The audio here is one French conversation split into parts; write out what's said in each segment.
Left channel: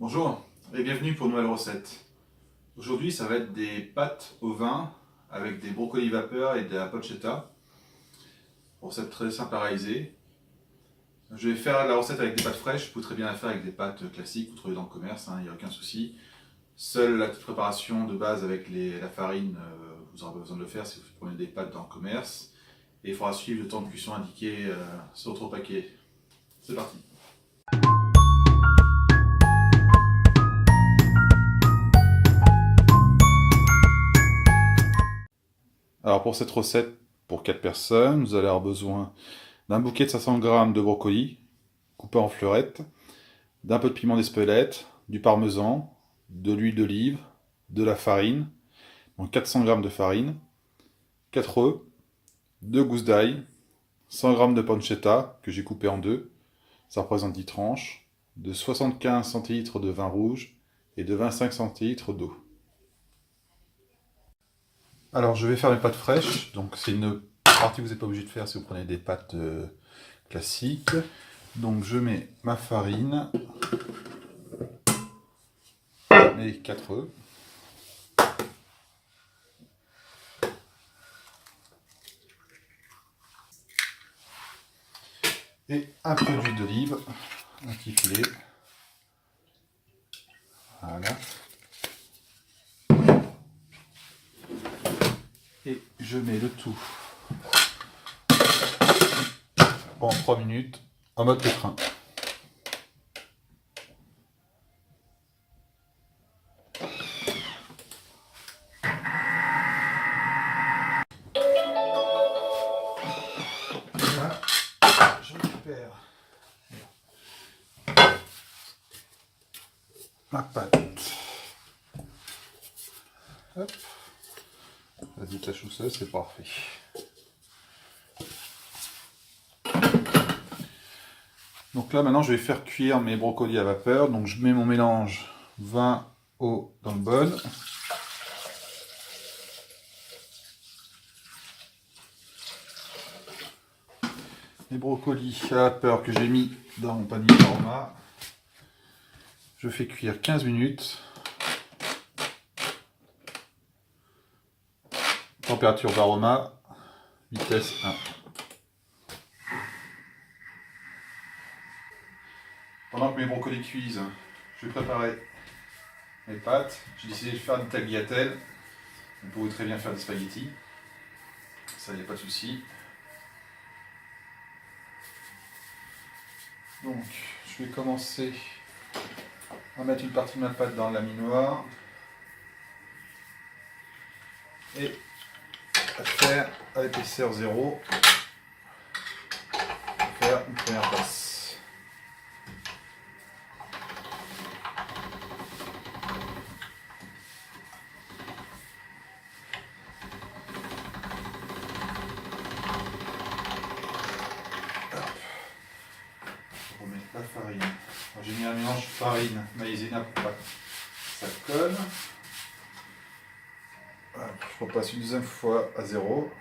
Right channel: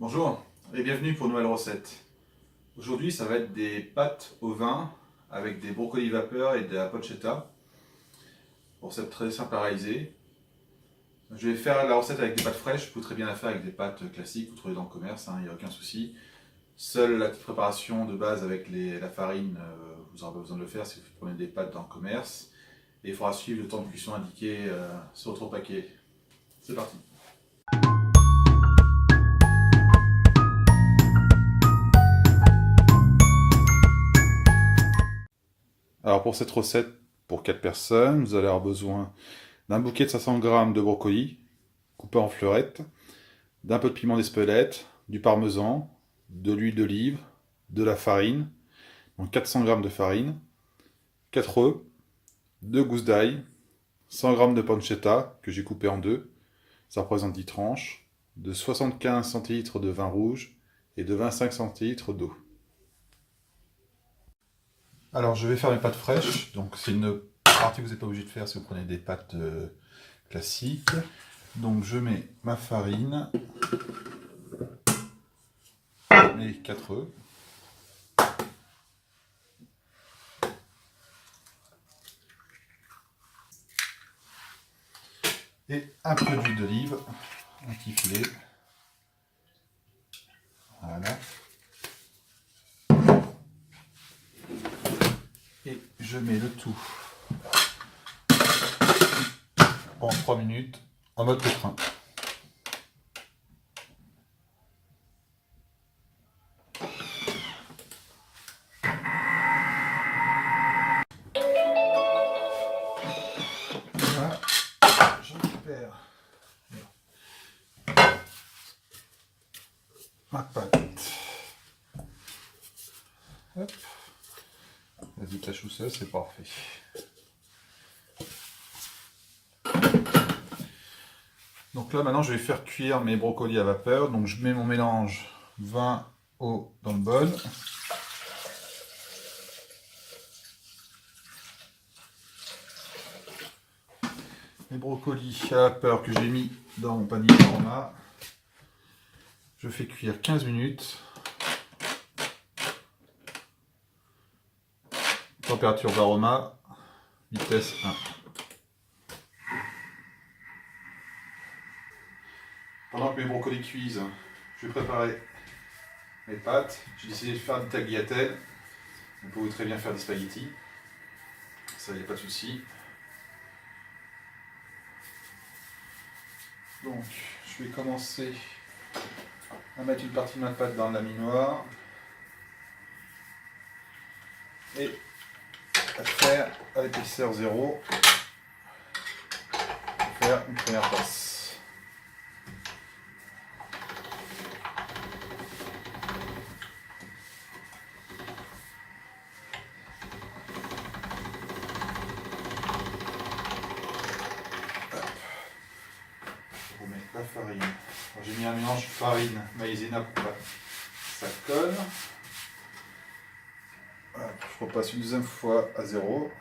Bonjour et bienvenue pour une nouvelle recette. Aujourd'hui, ça va être des pâtes au vin avec des brocolis vapeur et de la pancetta. Recette très simple à réaliser. Je vais faire la recette avec des pâtes fraîches. Vous pouvez très bien la faire avec des pâtes classiques, vous trouvez dans le commerce, il n'y a aucun souci. Seule la petite préparation de base avec la farine, vous n'aurez pas besoin de le faire si vous prenez des pâtes dans le commerce. Et il faudra suivre le temps de cuisson indiqué sur votre paquet. C'est parti. Alors pour cette recette, pour 4 personnes, vous allez avoir besoin d'un bouquet de 500 g de brocolis, coupé en fleurettes, d'un peu de piment d'Espelette, du parmesan, de l'huile d'olive, de la farine, donc 400 g de farine, 4 œufs, 2 gousses d'ail, 100 g de pancetta que j'ai coupé en deux, ça représente 10 tranches, de 75 centilitres de vin rouge et de 25 centilitres d'eau. Alors je vais faire mes pâtes fraîches, donc c'est une partie que vous n'êtes pas obligé de faire si vous prenez des pâtes classiques. Donc je mets ma farine, mes 4 œufs, et un peu d'huile d'olive, un petit filet. Voilà. Et je mets le tout en 3 minutes en mode pétrin. Là, je récupère ma pâte. Hop. Ça se détache tout seul, c'est parfait. Donc là maintenant je vais faire cuire mes brocolis à vapeur. Donc je mets mon mélange vin, eau dans le bol. Les brocolis à vapeur que j'ai mis dans mon panier d'aroma. Je fais cuire 15 minutes. Température d'aroma, vitesse 1. Pendant que mes brocolis cuisent, je vais préparer mes pâtes. J'ai décidé de faire des tagliatelles. Vous pouvez très bien faire des spaghettis. Ça, il n'y a pas de souci. Donc, je vais commencer à mettre une partie de ma pâte dans le laminoir et à faire à l'épaisseur 0, faire une première passe. On met la farine. J'ai mis un mélange farine maïzena pour pas que ça colle. Voilà, je repasse une deuxième fois à 0.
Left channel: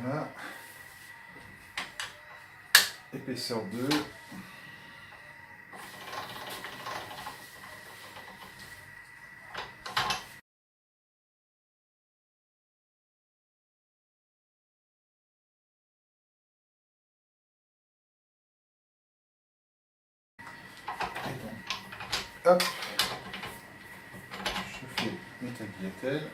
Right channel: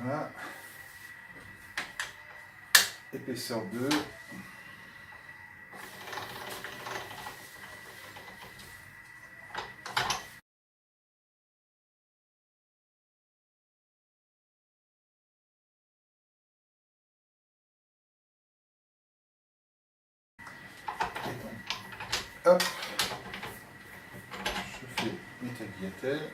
Voilà. Épaisseur 2. Hop, je fais mes tagliatelles.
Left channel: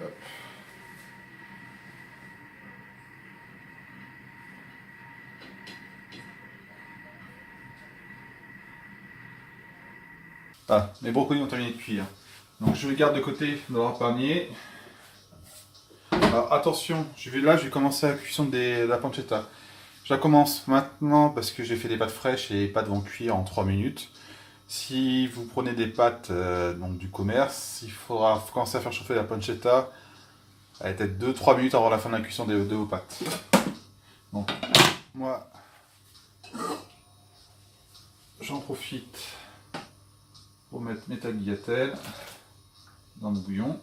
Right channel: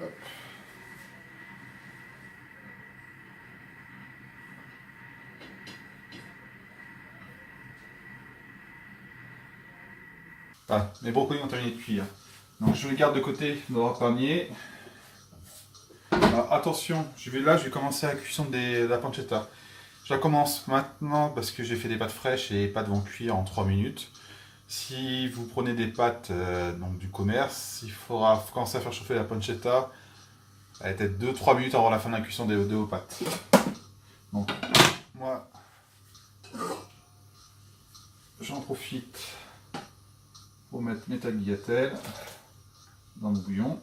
Hop. Ah, mes brocolis ont terminé de cuire. Donc je les garde de côté dans leur panier. Alors attention, je vais commencer la cuisson de la pancetta. Je la commence maintenant parce que j'ai fait des pâtes fraîches et les pâtes vont cuire en 3 minutes. Si vous prenez des pâtes donc du commerce, il faudra commencer à faire chauffer la pancetta à peut-être 2-3 minutes avant la fin de la cuisson de vos pâtes. Donc moi, j'en profite pour mettre mes tagliatelles dans le bouillon.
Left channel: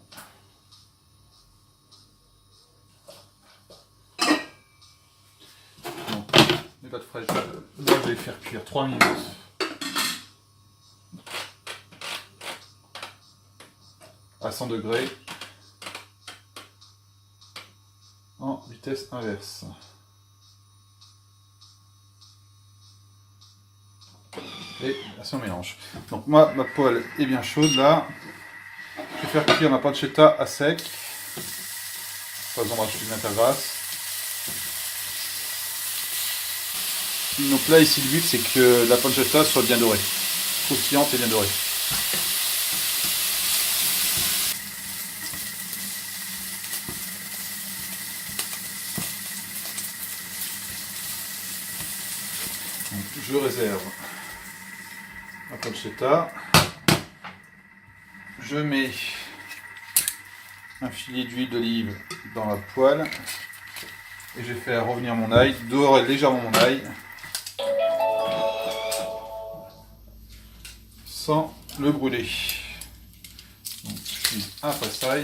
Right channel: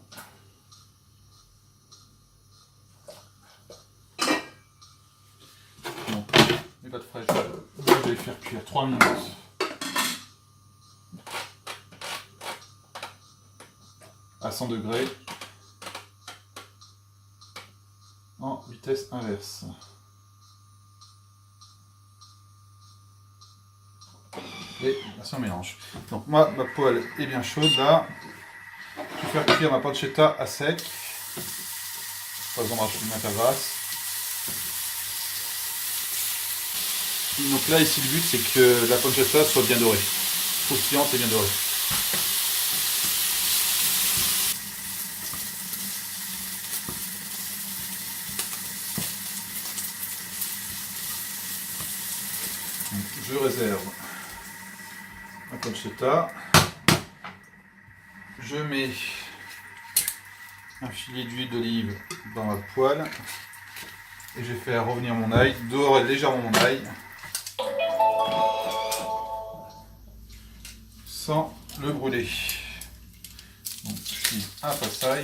Donc, les pâtes fraîches, je vais les faire cuire 3 minutes. À 100 degrés en vitesse inverse. Et ça on mélange. Donc moi, ma poêle est bien chaude là. Je vais faire cuire ma pancetta à sec. Pas besoin de bien ta vase. Donc là ici le but c'est que la pancetta soit bien dorée. Croustillante et bien dorée. Donc, je réserve la pancetta. Je mets un filet d'huile d'olive dans la poêle et je vais faire revenir mon ail, dorer légèrement mon ail sans le brûler. Donc je suis un passail.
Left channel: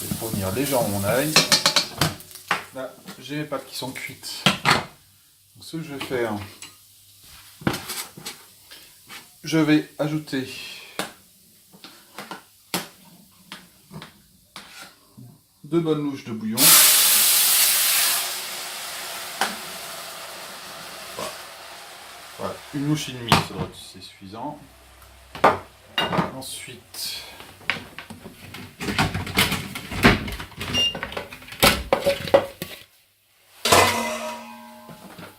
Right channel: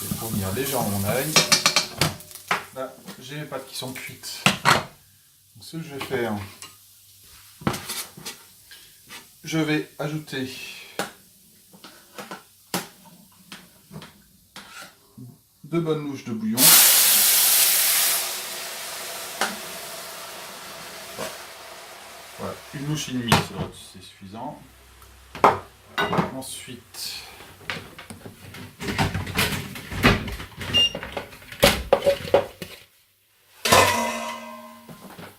Je vais fournir légèrement mon ail. Là, j'ai mes pâtes qui sont cuites. Donc, ce que je vais faire, je vais ajouter deux bonnes louches de bouillon. Voilà, une louche et demie, c'est suffisant. Ensuite,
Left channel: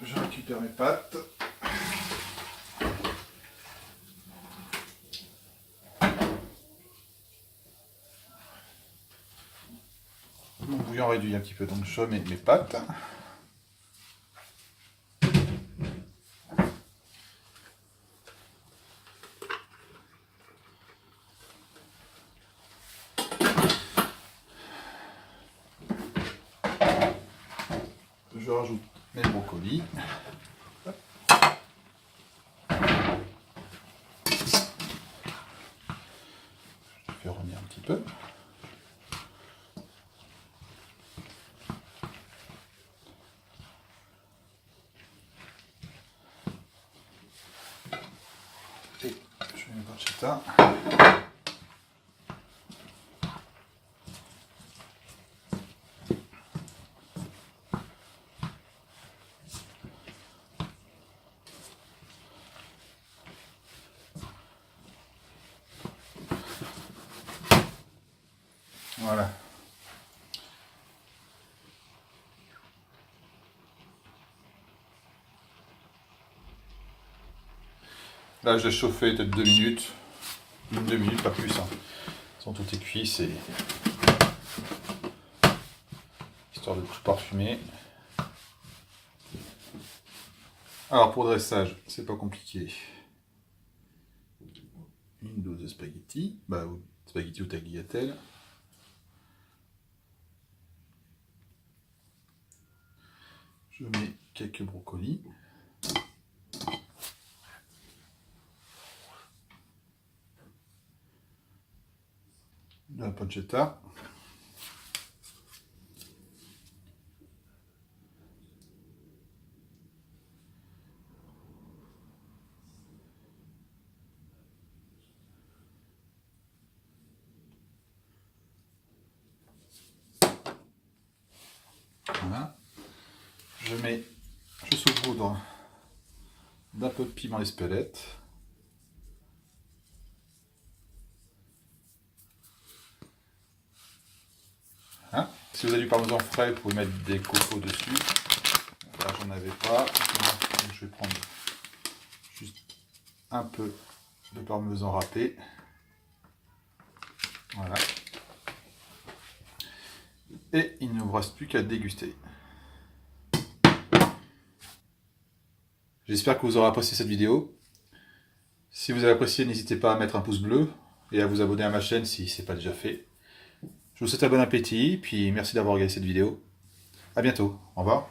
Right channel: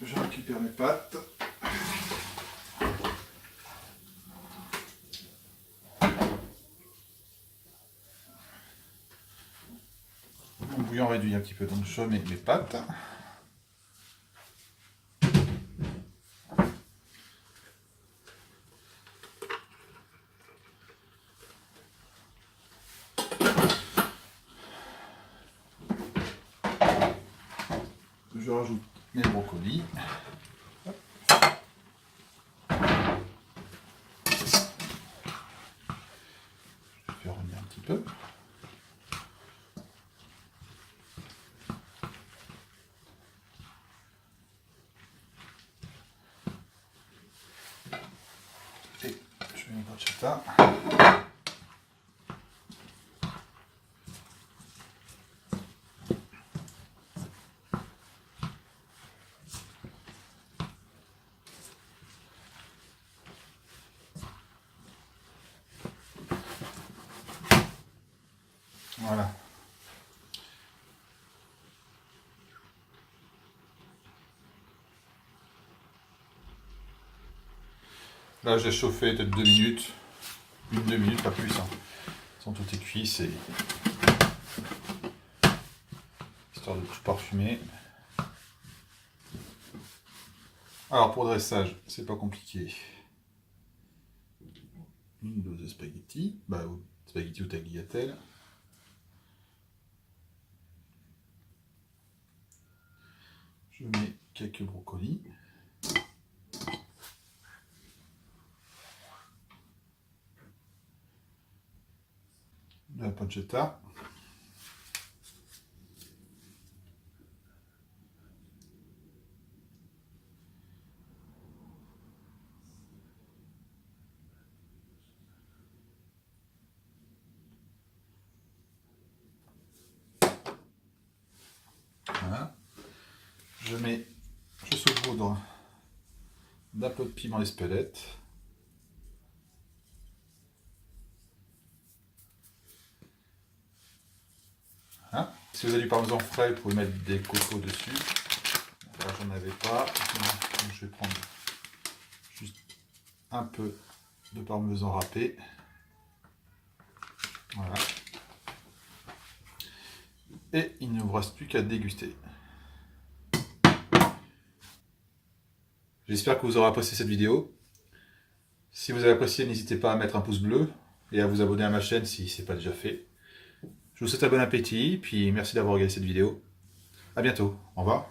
je récupère mes pâtes. Mon bouillon réduit un petit peu, donc je mets mes pâtes. Je rajoute mes brocolis. Je fais revenir un petit peu. Et je mets ma pancetta. Voilà. Là, je l'ai chauffé peut-être 2 minutes. 1-2 minutes, pas plus. Hein. Sans tout est cuit, c'est histoire de tout parfumer. Alors, pour le dressage, c'est pas compliqué. Une dose de spaghetti, spaghetti ou tagliatelle. Je mets quelques brocolis. De la pancetta. Voilà. Je saupoudre d'un peu de piment d'Espelette. Voilà. Si vous avez du parmesan frais, vous pouvez mettre des copeaux dessus. Là, j'en avais pas. Donc, je vais prendre juste un peu de parmesan râpé. Voilà. Et il ne vous reste plus qu'à déguster. J'espère que vous aurez apprécié cette vidéo. Si vous avez apprécié, n'hésitez pas à mettre un pouce bleu et à vous abonner à ma chaîne si ce n'est pas déjà fait. Je vous souhaite un bon appétit, puis merci d'avoir regardé cette vidéo. A bientôt, au revoir.